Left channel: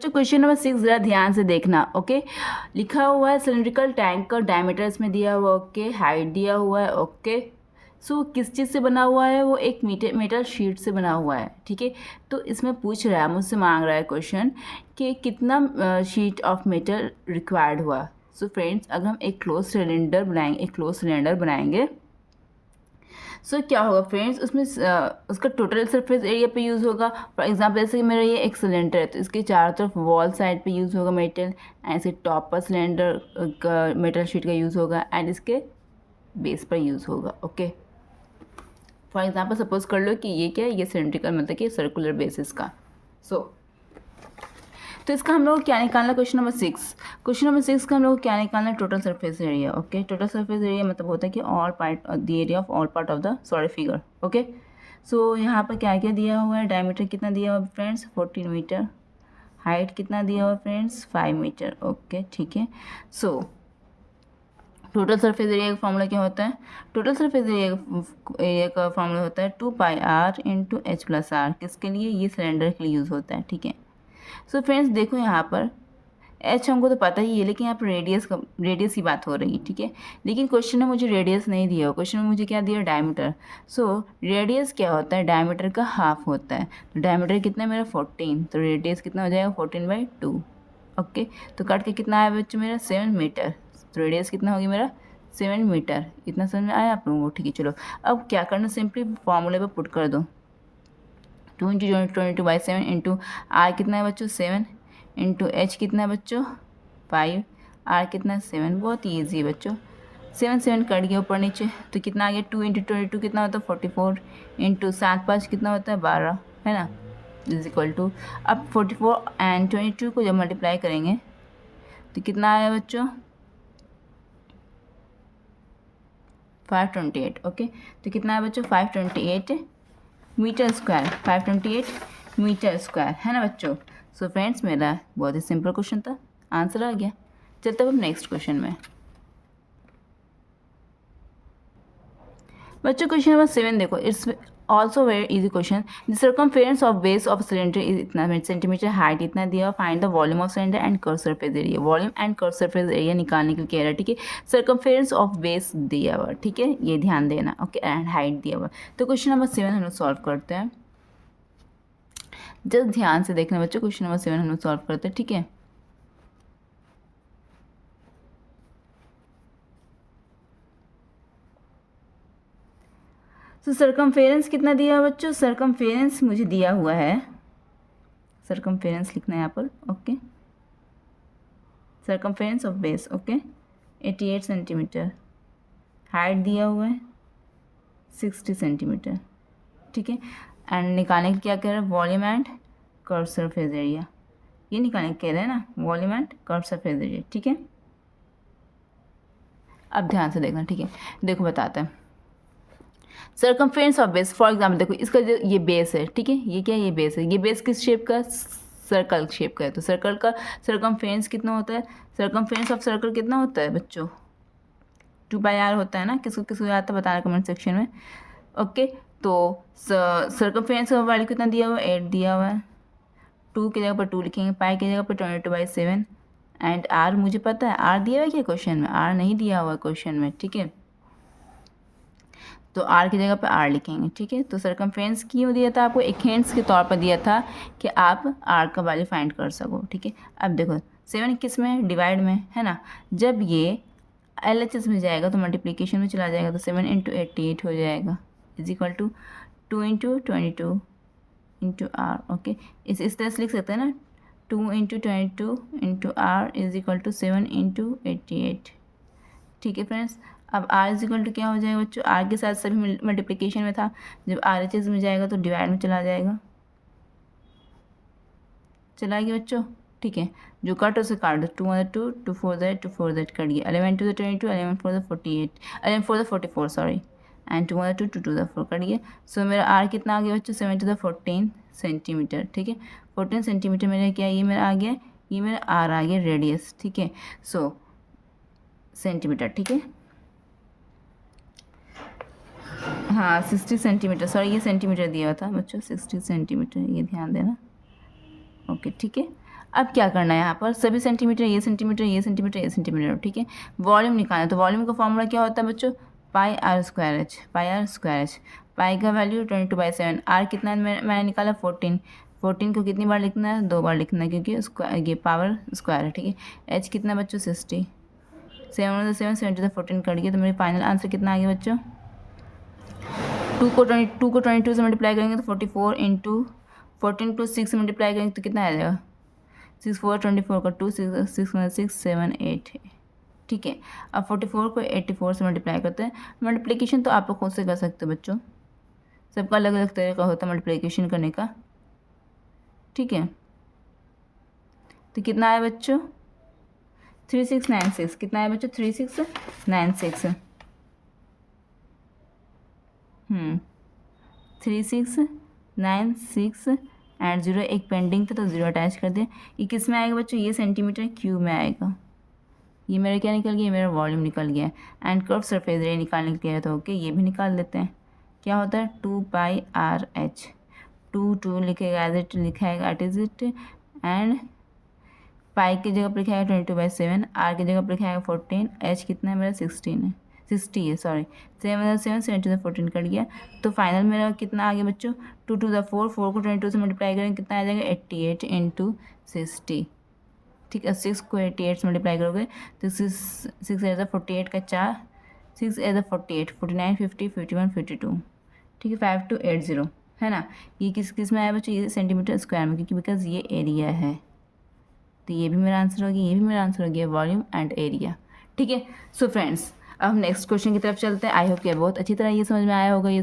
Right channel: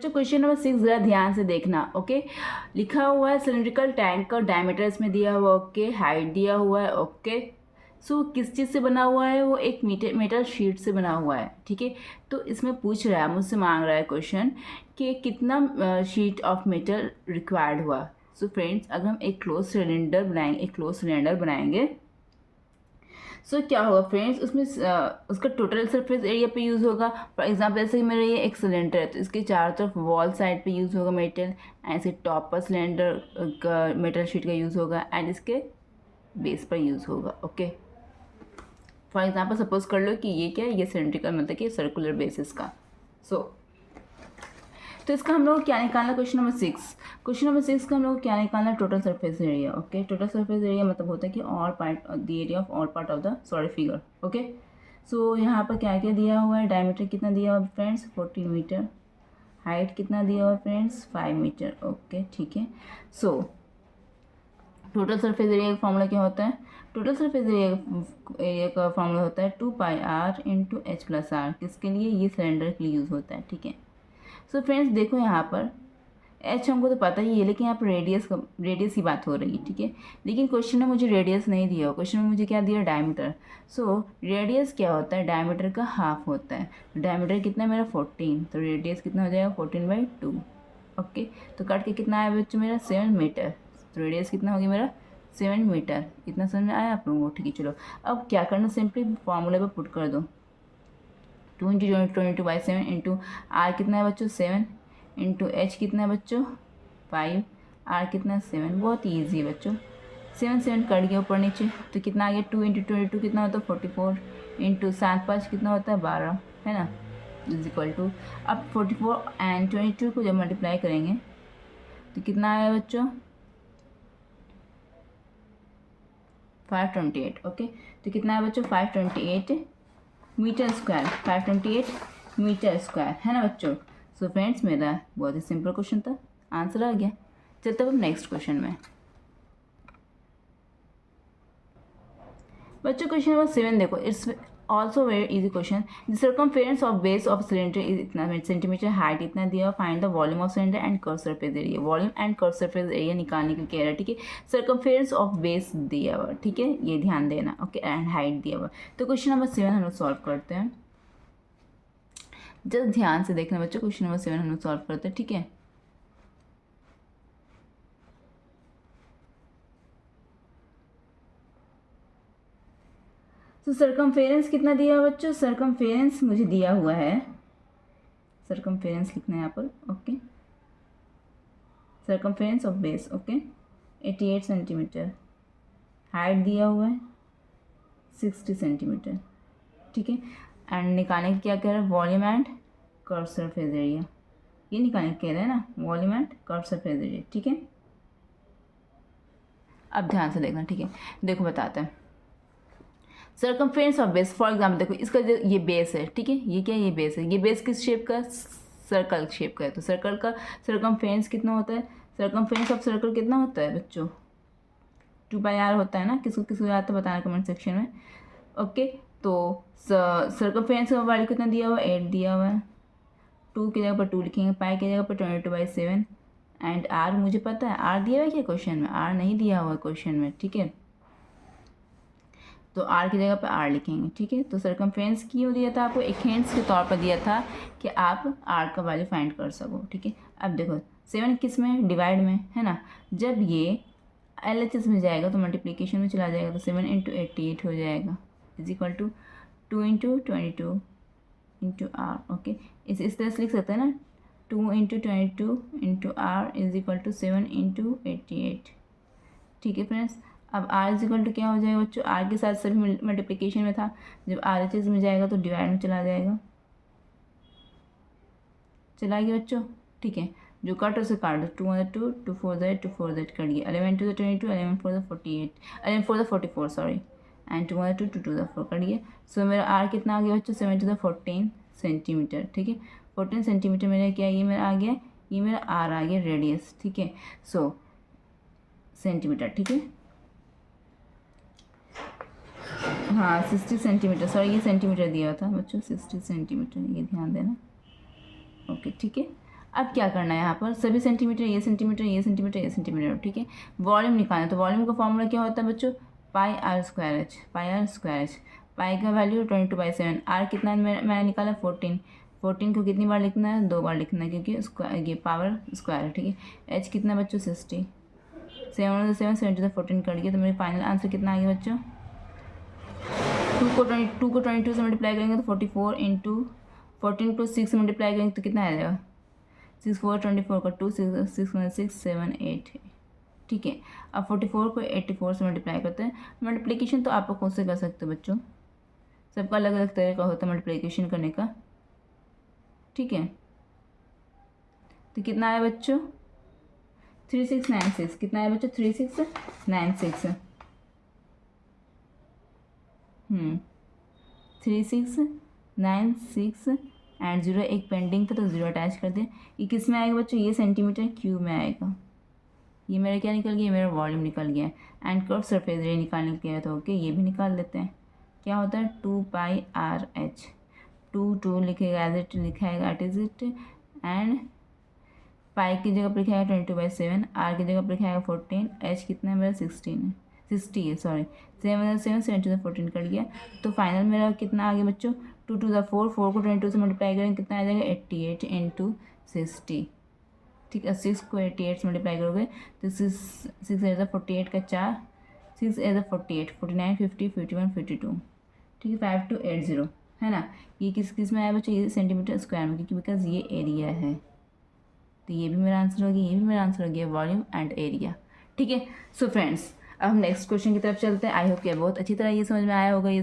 बच्चों question number 6 ज़रा ध्यान से देखना। ओके, लिखा हुआ है सिलिंड्रिकल टैंक का डायमीटर इसमें दिया हुआ, ओके, हाइट दिया हुआ है, ओके। सो किस चीज़ से बना हुआ है? वो एक मेटल शीट से बना हुआ है, ठीक है। तो इसमें पूछ रहा है, मुझसे मांग रहा है क्वेश्चन कि कितना शीट ऑफ मेटल रिक्वायर्ड हुआ। सो फ्रेंड्स, अगर हम एक क्लोज सिलेंडर बनाएंगे क्या होगा फ्रेंड्स, उसमें उसका टोटल सरफेस एरिया पे यूज़ होगा। फॉर एग्जांपल जैसे मेरा ये एक सिलेंडर है, तो इसके चारों तरफ वॉल साइड पे यूज़ होगा मेटल, ऐसे टॉप पर सिलेंडर का मेटल शीट का यूज़ होगा एंड इसके बेस पर यूज़ होगा। ओके, फॉर एग्जांपल सपोज कर लो कि ये क्या है, ये सिलेंड्रिकल मतलब कि सर्कुलर बेसिस का। तो इसका हम लोग को क्या निकालना, क्वेश्चन नंबर 6 का हम लोग को क्या निकालना, total surface area. Okay, total surface area मतलब होता है कि all part the area of all part of the figure. Okay, so यहाँ पर क्या क्या दिया हुआ है, डायमीटर कितना दिया हुआ है फ्रेंड्स 14 मीटर, हाइट कितना दिया हुआ है फ्रेंड्स 5 मीटर। ओके, ठीक है। सो टोटल सरफेस एरिया का फॉर्मूला क्या होता है? टोटल सरफेस एरिया का फॉर्मूला होता है 2πr into H plus are. किसके लिए? ये सिलेंडर के लिए यूज़ होता है, ठीक है। सो फ्रेंड्स देखो यहाँ पर एच हमको तो पता ही है, लेकिन यहाँ पर रेडियस की बात हो रही है, ठीक है। लेकिन क्वेश्चन में मुझे रेडियस नहीं दिया हो, क्वेश्चन में मुझे क्या दिया, डायमीटर। सो रेडियस क्या होता है? डायमीटर का हाफ होता है। तो डायमीटर कितना है मेरा 14, तो रेडियस कितना हो जाएगा 14/2। ओके, तो काट के कितना आया बच्चों मेरा 7 मीटर। तो रेडियस कितना होगी मेरा 7 मीटर। इतना समझ में आया आप लोगों को? ठीक है, चलो अब क्या करना, सिंपली फॉर्मूले पर पुट कर दो। 2 इंटू 22/7 इंटू आर कितना है बच्चों 7 इंटू एच कितना है बच्चों 5, आर कितना है 7। बहुत ही ईजी है बच्चों, 7 कट गया ऊपर नीचे, तो कितना आ गया 2 इंटू 22 कितना होता है 44 इंटू 7×5 कितना होता है 12, है ना, इज इक्वल टू। अब 44 एंड 22 को जब मल्टीप्लाई करेंगे तो कितना आया बच्चों 528। ओके, तो कितना है बच्चों 528 मीटर स्क्वायर, 528 मीटर स्क्वायर, है ना बच्चों। सो फ्रेंड्स मेरा बहुत ही सिंपल क्वेश्चन था, आंसर आ गया। चलते अब नेक्स्ट क्वेश्चन में। बच्चों क्वेश्चन नंबर 7 देखो, it's also very easy question. The circumference of base of cylinder is इतना सेंटीमीटर, हाइट इतना दिया, find the volume of cylinder and curve surface area. Volume and curve surface area निकालने के लिए कह रहा है, ठीक है। सर्कमफेरेंस ऑफ बेस दिया हुआ, ठीक है, ये ध्यान देना। ओके, एंड हाइट दिया हुआ। तो क्वेश्चन नंबर 7 हम लोग सॉल्व करते हैं। जस्ट ध्यान से देखना बच्चों, क्वेश्चन नंबर 7 हम लोग सॉल्व करते हैं, ठीक है। तो सर्कमफेरेंस कितना दिया है बच्चों? सर्कमफेरेंस मुझे दिया हुआ है, सर्कमफेरेंस लिखना है यहाँ पर। Okay, circumference of base, okay 88 centimetre, height दिया हुआ है 60 सेंटीमीटर, ठीक है। एंड निकालने का क्या कह रहा है, volume and curve surface area, ये निकालने कह रहे हैं ना, volume and curve surface area, ठीक है। अब ध्यान से देखना, ठीक है। देखो बताते हैं, circumference of base, for example देखो इसका जो ये बेस है, ठीक है, ये क्या है, ये बेस है, ये बेस किस शेप का, सर्कल शेप का है। तो सर्कल का सर्कमफ्रेंस कितना होता है, सर्कमफ्रेंस ऑफ सर्कल कितना होता है बच्चों 2πr होता है ना। किसको किसको याद था बताना कमेंट सेक्शन में। ओके, तो सर्कमफ्रेंस का वैल्यू कितना दिया हुआ है 8 दिया हुआ है, 2 की जगह पर 2 लिखेंगे, पाई की जगह पर 22/7 एंड आर मुझे पता है, आर दिया हुआ है क्या क्वेश्चन में, आर नहीं दिया हुआ है क्वेश्चन में, ठीक है। तो आर की जगह पर आर लिखेंगे, ठीक है। तो सर्कमफ्रेंस क्यों दिया था आपको, एक हिंट्स के तौर पर दिया था कि आप आर का वैल्यू फाइंड कर सको, ठीक है। अब देखो 7 किस में, डिवाइड में, है ना। जब ये LHS में जाएगा तो मल्टीप्लिकेशन में चला जाएगा, तो 7 इंटू 88 हो जाएगा, is equal to 2 into 22 into R. Okay, इस तरह से लिख सकते हैं ना, 2 into 22 into R is equal to 7 into 88, ठीक है फ्रेंड्स। अब आर इज इक्वल टू क्या हो जाएगा बच्चों, आर के साथ सभी मल्टीप्लिकेशन में था, जब RHS में जाएगा तो डिवाइड में चला जाएगा, चला गया बच्चों, ठीक है। जो कट उसे काट दो, 2 2 4 2 4 कट गया, 11 2 22 11 4 48 11 4 44 सॉरी, एंड 2 2 2 2 4 कट गया। सो मेरा आर कितना आ गया बच्चों 7 सेंटीमीटर, ठीक है। 14 सेंटीमीटर मेरा क्या, ये मेरा आ गया, ये मेरा आर आ गया रेडियस, ठीक है। सो सेंटीमीटर, ठीक है। हाँ 60 सेंटीमीटर, सॉरी ये सेंटीमीटर दिया था बच्चों, 60 सेंटीमीटर, ये ध्यान देना। ओके, ठीक है। अब क्या करना है यहाँ पर, सभी सेंटीमीटर, ये सेंटीमीटर, ये सेंटीमीटर, ये सेंटीमीटर, ठीक है। वॉल्यूम निकालना है, तो वॉल्यूम का फॉर्मूला क्या होता है बच्चों, pi R square H, pi R square H. Pi का वैल्यू 22/7, आर कितना मैंने निकाला 14, 14 को कितनी बार लिखना है, 2 बार लिखना है, क्योंकि स्क्वायर ये पावर स्क्वायर है, ठीक है। एच कितना बच्चों 60, 7 7 70 14 कट गया, तो मेरे फाइनल आंसर कितना आ गया बच्चों, 2 को 22 से मल्टीप्लाई करेंगे तो 44 इंटू 14 को 6 से मल्टीप्लाई करेंगे तो कितना आ जाएगा, 6 4 24 का 2 6 6 6 7 8, ठीक है। अब 44 को 84 से मल्टीप्लाई करते हैं। मल्टीप्लिकेशन तो आप लोग खुद से कर सकते हो बच्चों, सबका अलग अलग तरीका होता है मल्टीप्लिकेशन करने का, ठीक है। तो कितना है बच्चों, 3696, कितना है बच्चों 3696, 3696 एंड 0 एक पेंडिंग था तो 0 अटैच कर दें। ये किस में आएगा बच्चों, ये सेंटीमीटर क्यूब में आएगा। ये मेरा क्या निकल गया, मेरा वॉल्यूम निकल गया। एंड कर्व सरफेस एरिया निकालने के लिए तो ओके, ये भी निकाल लेते हैं। क्या होता है 2πRH, 2 लिखेगा एज इट लिखाएगा at is it, and pi की जगह पर लिखाएगा 22/7, आर की जगह पर लिखाएगा 14, एच कितना है मेरा 16 है, 60 है सॉरी, 7 7 7 to the 14 कट गया। तो फाइनल मेरा कितना आ गया बच्चों, 2 to the 4, 4 को 22 से मल्टीप्लाई करेंगे कितना आ जाएगा 88 इंटू 60, ठीक है। 6 को 88 से मल्टीप्लाई करोगे तो 6 एज 48 का 4, 6 एज 48, 49 50 51 52, ठीक है। 5280 है ना। ये किस में आया बच्चों, ये सेंटीमीटर स्क्वायर में, क्योंकि बिकॉज ये एरिया है। तो ये भी मेरा आंसर हो गया, ये भी मेरा आंसर हो गया, वॉल्यूम एंड एरिया, ठीक है। सो फ्रेंड्स अब हम नेक्स्ट क्वेश्चन की तरफ चलते हैं। आई होप कि बहुत अच्छी तरह ये समझ में आया होगा ये